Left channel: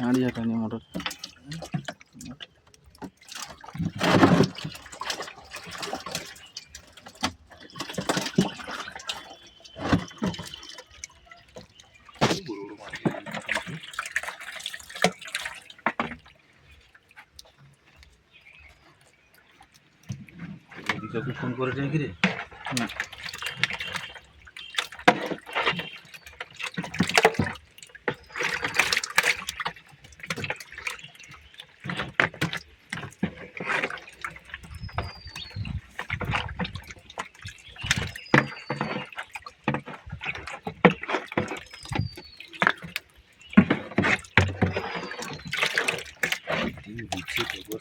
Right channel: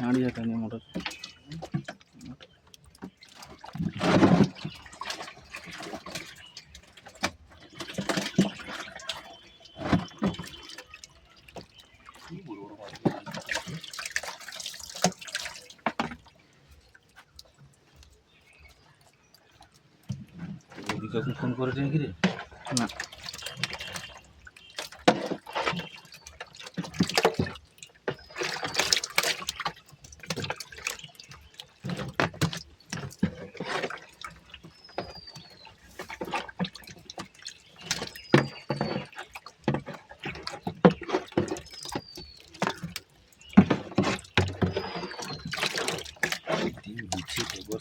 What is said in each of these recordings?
হাঁড়ি যাটা নেই motor phone করেছে নাকি রে? না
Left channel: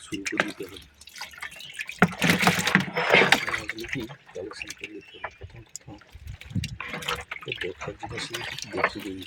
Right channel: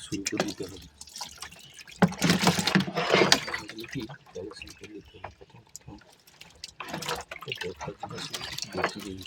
শুরু করে দিতে হবে কি কালেকশন করে দিতে হবে প্রথম দেখার জিনিস দেখতে দেবে।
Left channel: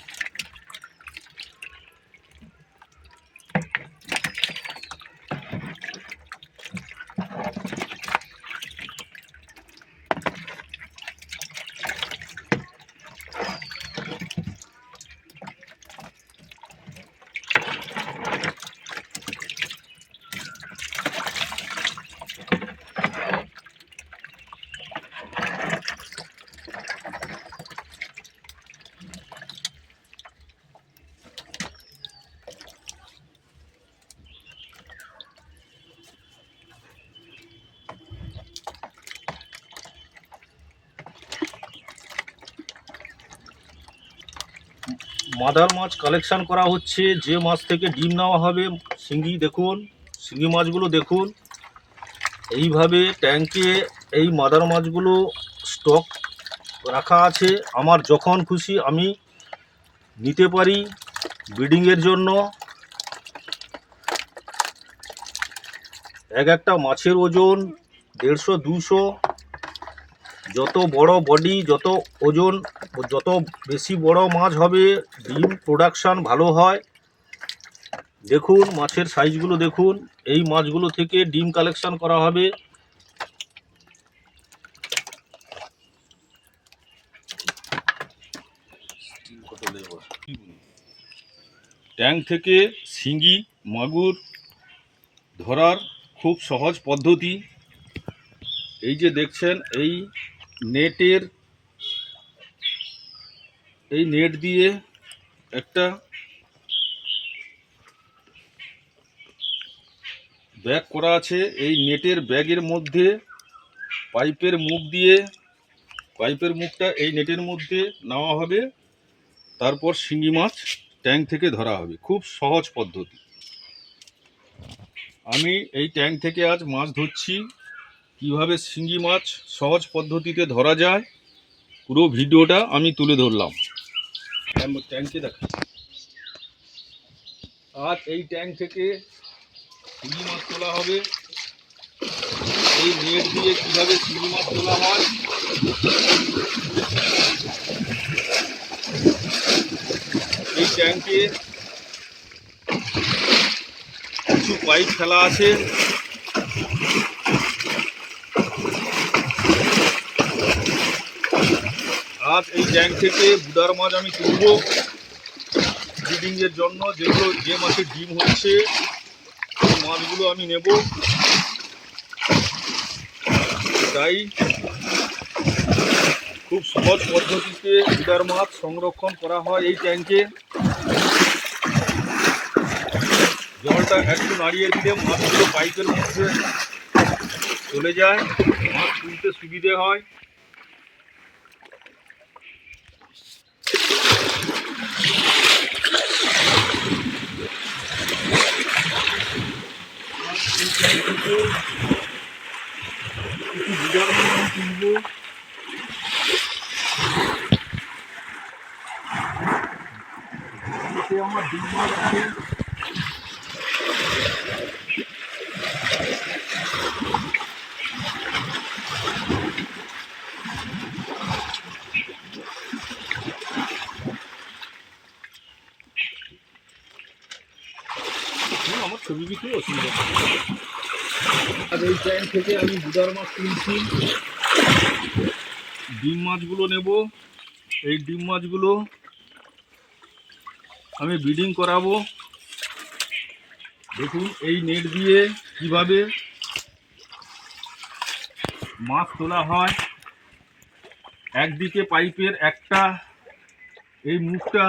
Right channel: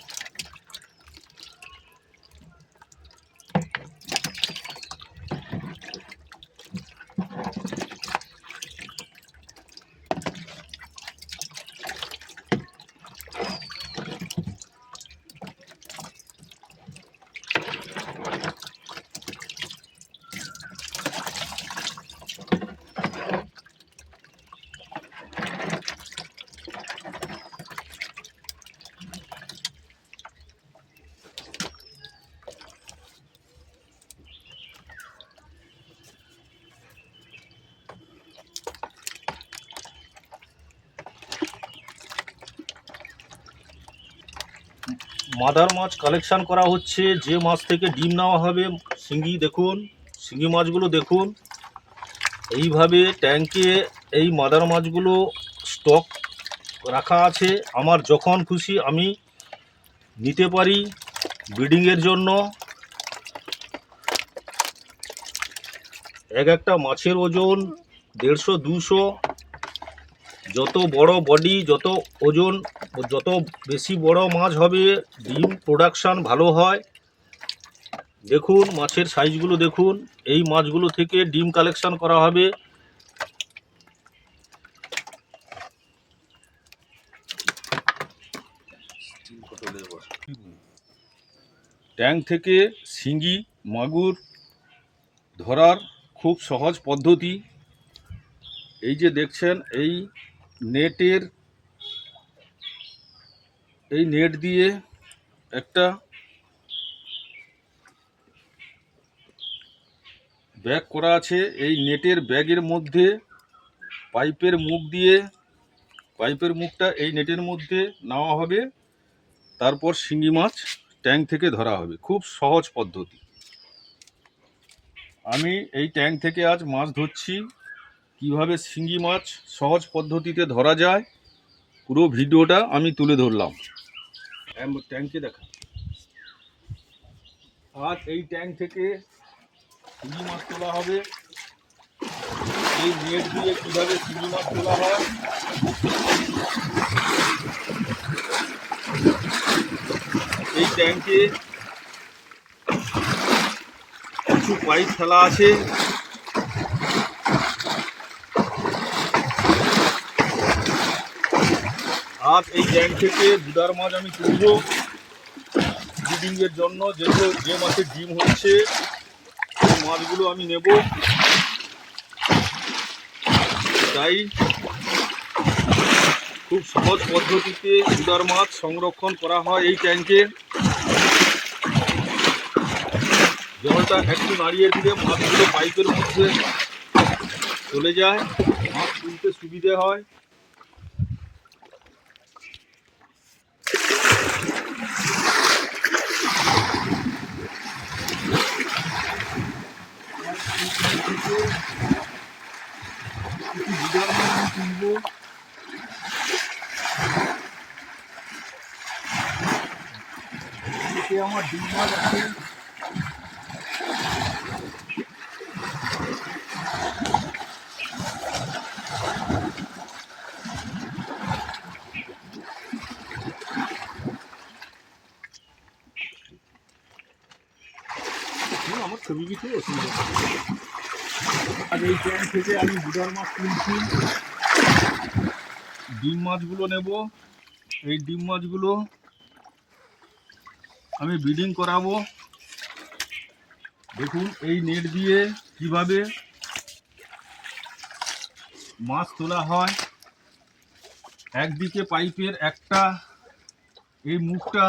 মাদার মাছ কালেকশন করা হচ্ছে, যে মাছ থেকে ডিম নেওয়া হবে। শিঙ্গি দেখুন, শিঙ্গি মাছগুলো দেখুন, এইভাবে ট্যাঙ্কে এই মাদার মাছগুলো স্টক রাখা আছে। আমার যখন খুশি আমি নিতে পারি ব্রিডিংয়ের জন্য। একটা মাছের ওজন 150-200। যত বড় বডি, যত ওজন, যত বেশি বড় মাছ হবে ডিম প্রোডাকশান ভালো হয়। দেখুন মাছের সাইজগুলো দেখুন, এই মাছগুলো থেকে ডিম কালেকশন করা হবে। ট্যাঙ্ক থেকে শিঙ্গি মাগুর ধরার খুব সহজ পদ্ধতি। এই যে দেখছেন, এই নেট দিয়ে একটা ব্যাগ করা আছে। এই নেটের ব্যাগের মধ্যে পাইপের মুখটা এই নেটের মধ্যে নেওয়া হবে, তারপর শিঙ্গি মাছ ট্যাঙ্ক থেকে ধরা হবে। খুব সহজ পদ্ধতি। আমি এই ট্যাঙ্ক থেকে আজ মাছ ধরছি। কিভাবে শিঙ্গি মাছ সহজ পদ্ধতিতে ধরা যায় পুরো ভিডিওটা আমি তুলে ধরলাম। ট্যাঙ্কে দেখা আজ এই ট্যাঙ্ক থেকে শিঙ্গি মাছ তোলা হবে। এই নেট দিয়ে কিভাবে শিঙ্গি মাছ তোলা হয় এই ট্যাঙ্কে কিছু পাইপ ফেলা আছে। আজ এই ট্যাঙ্ক থেকে বুদার মাছ আমি তুলব ব্রিডিংয়ের জন্য। যে মাছের ডিম হচ্ছে সেই মাছগুলো আমি নেব। তাই খুব সহজ পদ্ধতিতে বুদার মাছ সংরক্ষণ করা হয় এই ট্যাঙ্কে। জলটা একটু নাড়িয়ে দিলে মাছগুলো পাইপের মধ্যে চলে যায়, মাছ তুলতে সুবিধে হয়। বুদার মাছ আমি তুলবো। আমার ডিম মাছ আছে। আমার ছবি কিছু অসুবিধা আর এই ট্যাঙ্ক থেকে আমি বুদার মাছ তুলছি। ডিম মাছগুলো নেব। এই ডিম মাছগুলো আমি ব্রিডিং করাবো। দেখুন এই নেট দিয়ে কিভাবে মাছ তোলা হয়। একদিকে পাইপের একটা এই মুখটা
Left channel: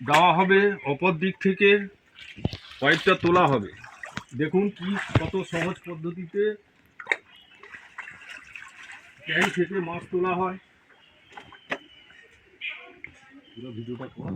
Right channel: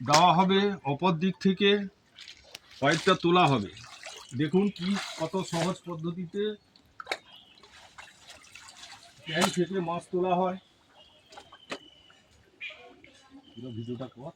দেওয়া হবে, অপর দিক থেকে পাইপটা তোলা হবে। দেখুন কি কত সহজ পদ্ধতিতে ট্যাঙ্ক থেকে মাছ তোলা হয়। পুরো ভিডিওটা কর।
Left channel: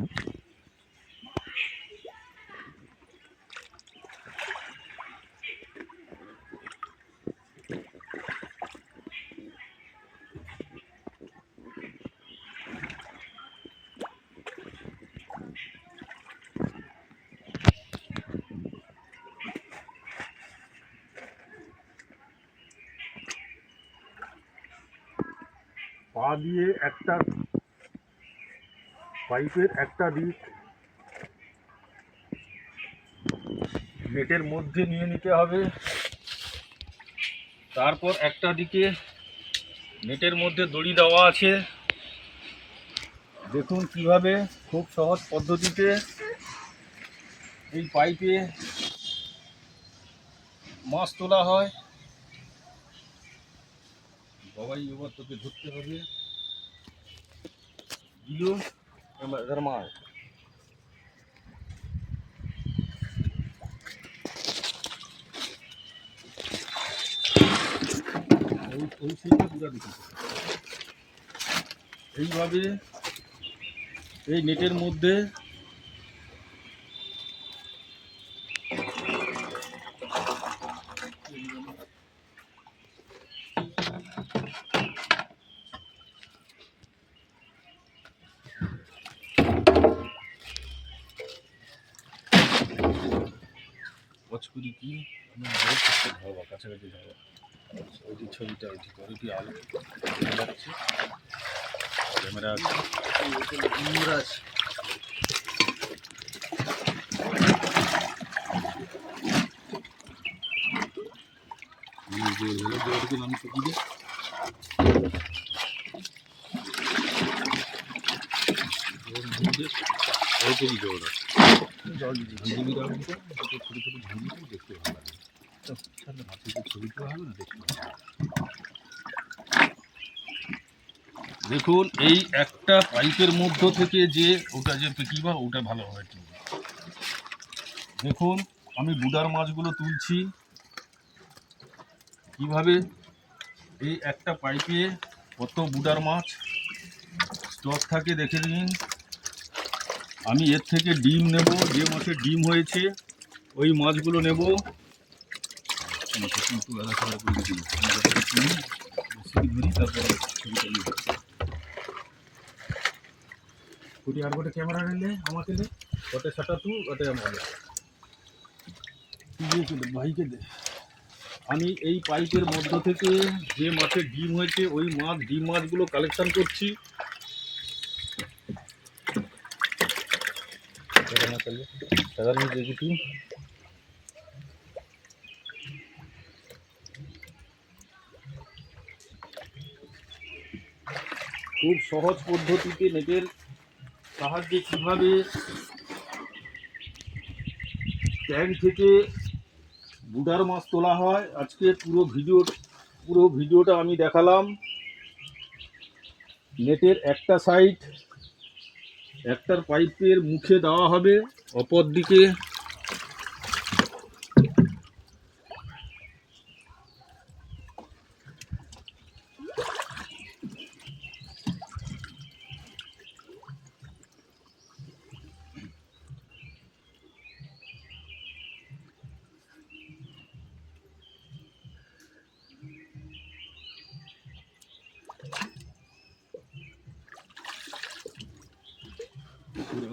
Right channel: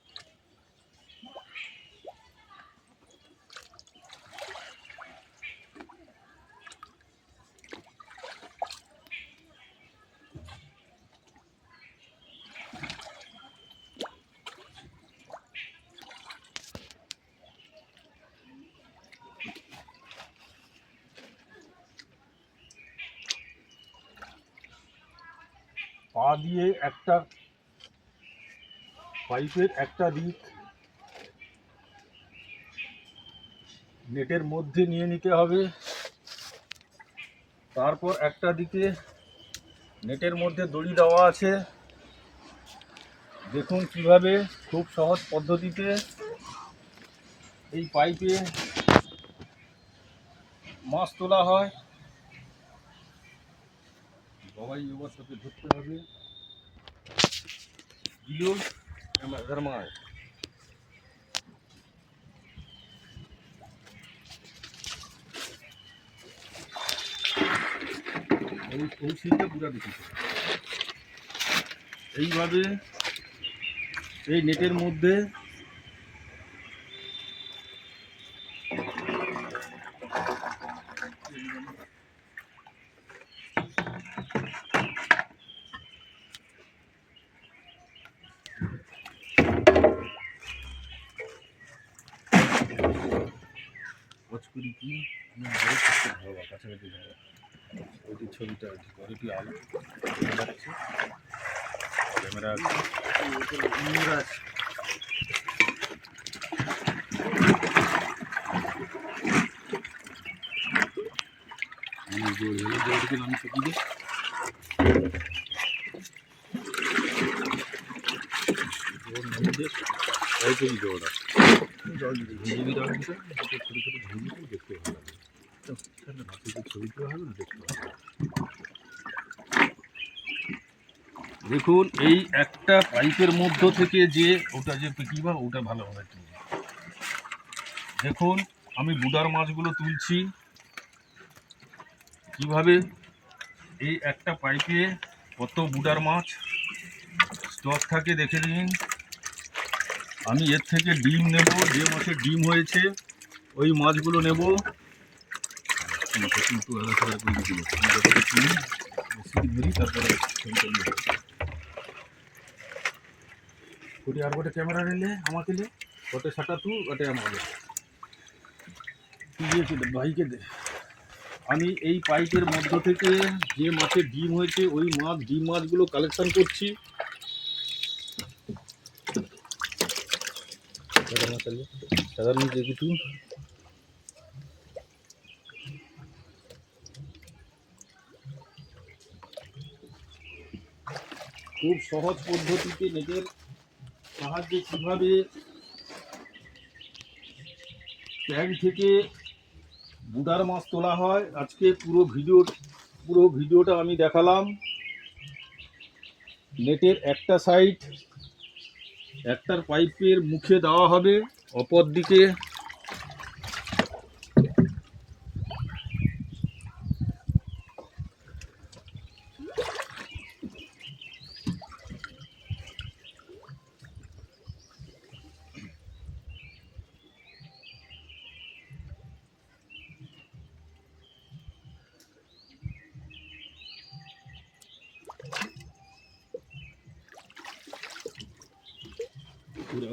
পা দিয়ে একটা পাইপের একটা দিক নেটের মধ্যে নিয়ে নিতে হবে, তারপর একটা দিকে নেটের মধ্যে দড়ি দেওয়া আছে। দেখুন কিভাবে খুব সহজ পদ্ধতিতে এই পাইপে মাছ তোলা হয়। বাবাই এবার তোকে ধরতে হবে। দিও ধর্মাও ওই সিনটা পুরো দেখি। এইভাবে এই নেটের মধ্যে ওয়াচ করি কি আমি বড় করতে হবে, কাছাকাছি যাবো। ওইটি ছবিটা ওইটি ওইটি আলো যাচ্ছে, ক্যামেরা আছে। আমি টুকি দিই অল্পই জোর আছে, জল ঝিঝিবি দেওয়ার ভিতরে ছোটো ছোটো ঝিঝিবি দেখতে ভালো লাগে। ছবি তোলা হবে না, দেখতে ভালো লাগে। দেখুন এই একটা পাইপের মধ্য থেকে যে ওটা যে পিকিবা ওটা ভালোভাবে তুলবে। দেখুন আমি বুদার মাছগুলো তুলছি কিভাবে। এই একটা পাইপে কত বুদার মাছ স্টক থাকে দেখে নিন। আমি এর থেকে ডিম নেব, যে মাছের ডিম হয়েছে ওই মাছগুলো নেব। কিন্তু আলাদা করে দিব ধরি, তারপরে ছবিটা আর গোটে ক্যামেরা নিলে আমাকে নে, ওটে সাটা তু ওটে আমার দিয়েছিল ভাইকে দে। আমি এই পাইপের মধ্য থেকে যে মাছের ডিম হয়েছে ওই মাছ ডিম মাছগুলো কালেকশন করছি। সাধারণ যেটু খুব সহজ পদ্ধতিতে নেটের সাহায্যে কীভাবে ট্যাঙ্ক থেকে বুদার মাছ তোলা হয় আজকে পুরো ভিডিওটা আমি দেখালাম। নেটের একটা সাইড একটার পাইপের মুখে দেওয়া হবে, অপর দিকে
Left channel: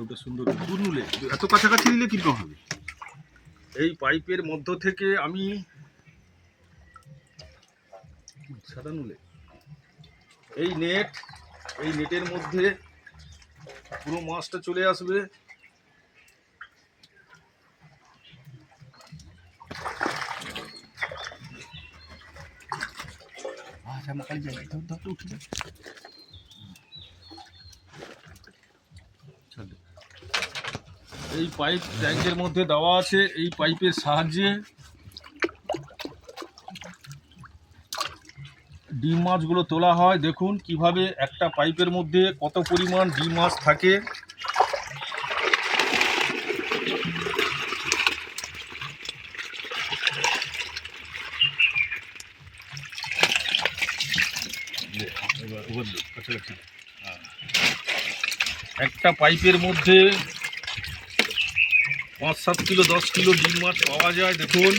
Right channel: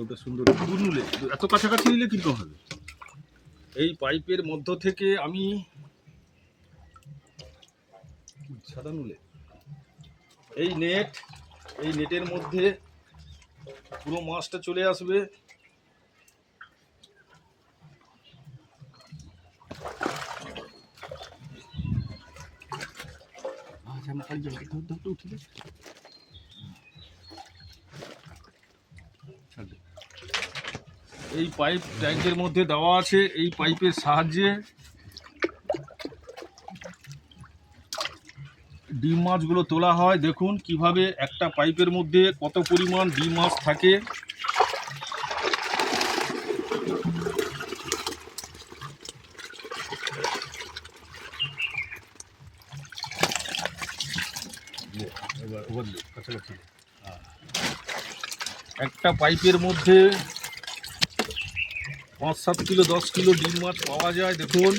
ওটা সুন্দর নুলে এত কাছাকাছি নিলে কীরকম হবে। এই পাইপের মধ্য থেকে আমি সাদা নুলে এই নেটের মধ্যে পুরো মাছটা চলে আসবে। ঝামকালি যাই ধর ধর উঠে যা। এই পাইপ ট্যাঙ্কের মধ্যে দেওয়া আছে, এই পাইপের সাহায্যে ডিম মাছগুলো তোলা হয়। দেখুন কিভাবে একটা পাইপের মধ্যে কত পরিমাণ ডিম মাছ থাকে। একটা পাইপের মধ্যে 5-7 কিলো 10 কিলো ডিম মাছ পাওয়া যায়। দেখুন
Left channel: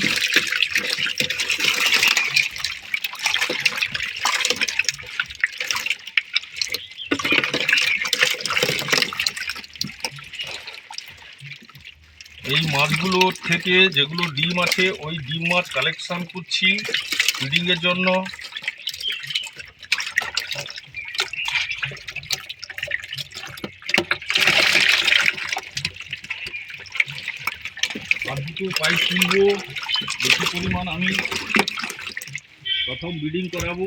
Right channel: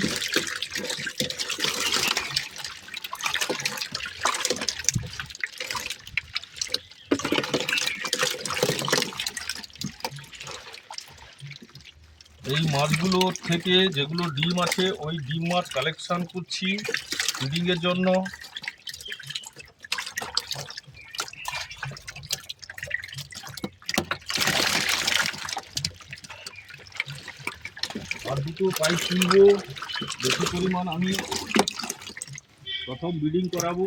এই মাছগুলোর থেকে যেগুলো ডিম আছে ওই ডিম মাছ কালেকশন করছি ব্রিডিংয়ের জন্য। আর দুটো পাইপ কিনবো, বেশি পরিমাণ আমি প্রথম ব্রিডিং করাবো।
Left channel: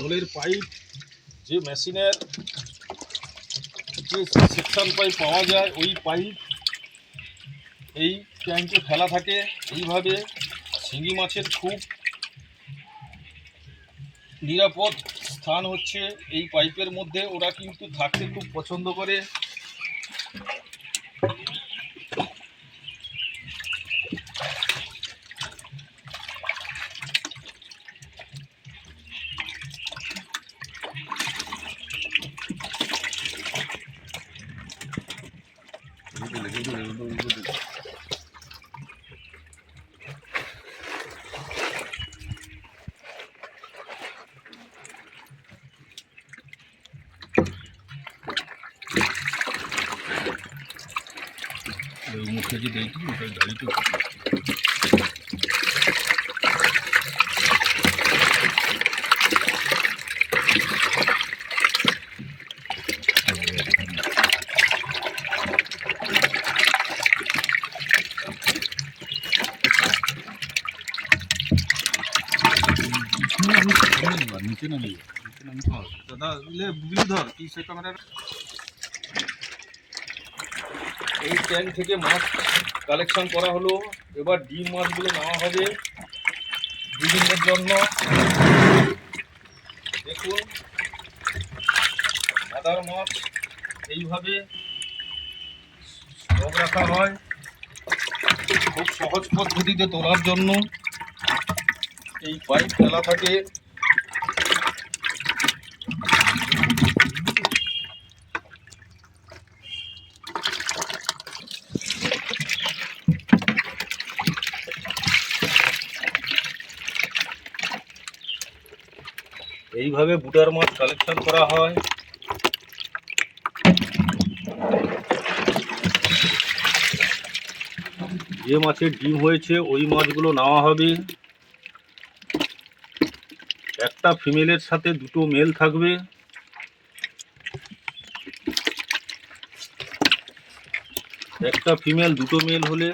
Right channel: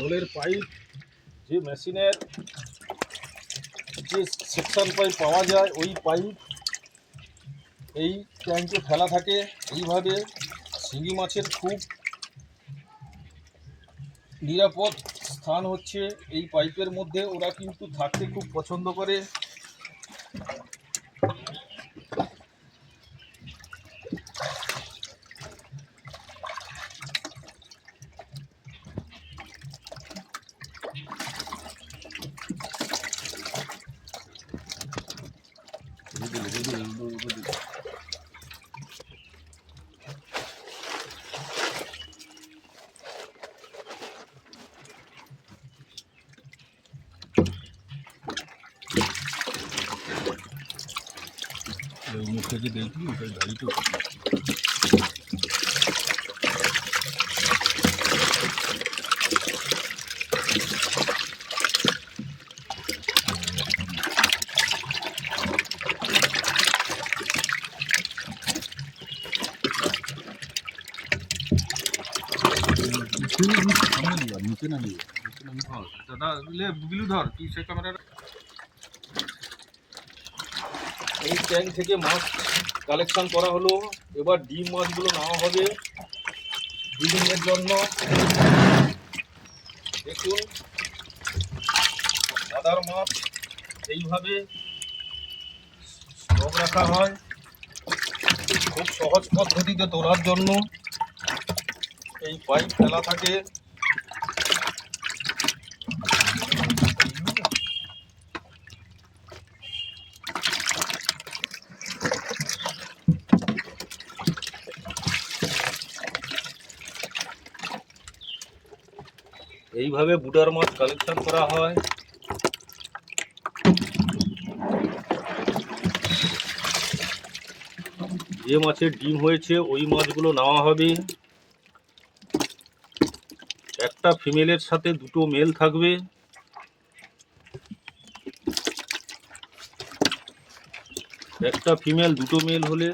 জলের পাইপ যে মেশিনের যে সেকশন পাইপ পাওয়া যায় ওই পাইপ এই ট্যাঙ্কে ফেলা থাকে। এইভাবে শিঙি মাছের খুব নিরাপদ স্থান হচ্ছে এই পাইপের মধ্যে। ওরা কিন্তু থাকতে খুব পছন্দ করে। মুখে যে দেখি ওটা গাড়িতে নিচে নামিয়ে দাদা বিলু ধর কি সে ক্যামেরা। এই ট্যাঙ্ক থেকে মাছ কালেকশন করা হলো। এবার ডিম মাছগুলো নেওয়া হবে ব্রিডিংয়ের জন্য। দেখুন মাদার মাছ এইভাবে স্টক রাখা হয় খুব সহজ পদ্ধতিতে তোলার জন্য। এই পাইপ ফেলা থাকে। এইভাবে বুটার মাছ কালেকশন করা হয়। যে মাছের ডিম হয়েছে ওই মাছগুলো নেওয়া হবে। একটা ফিমেলের সাথে দুটো মেল থাকবে। একটা ফিমেল দুটো মেল হলে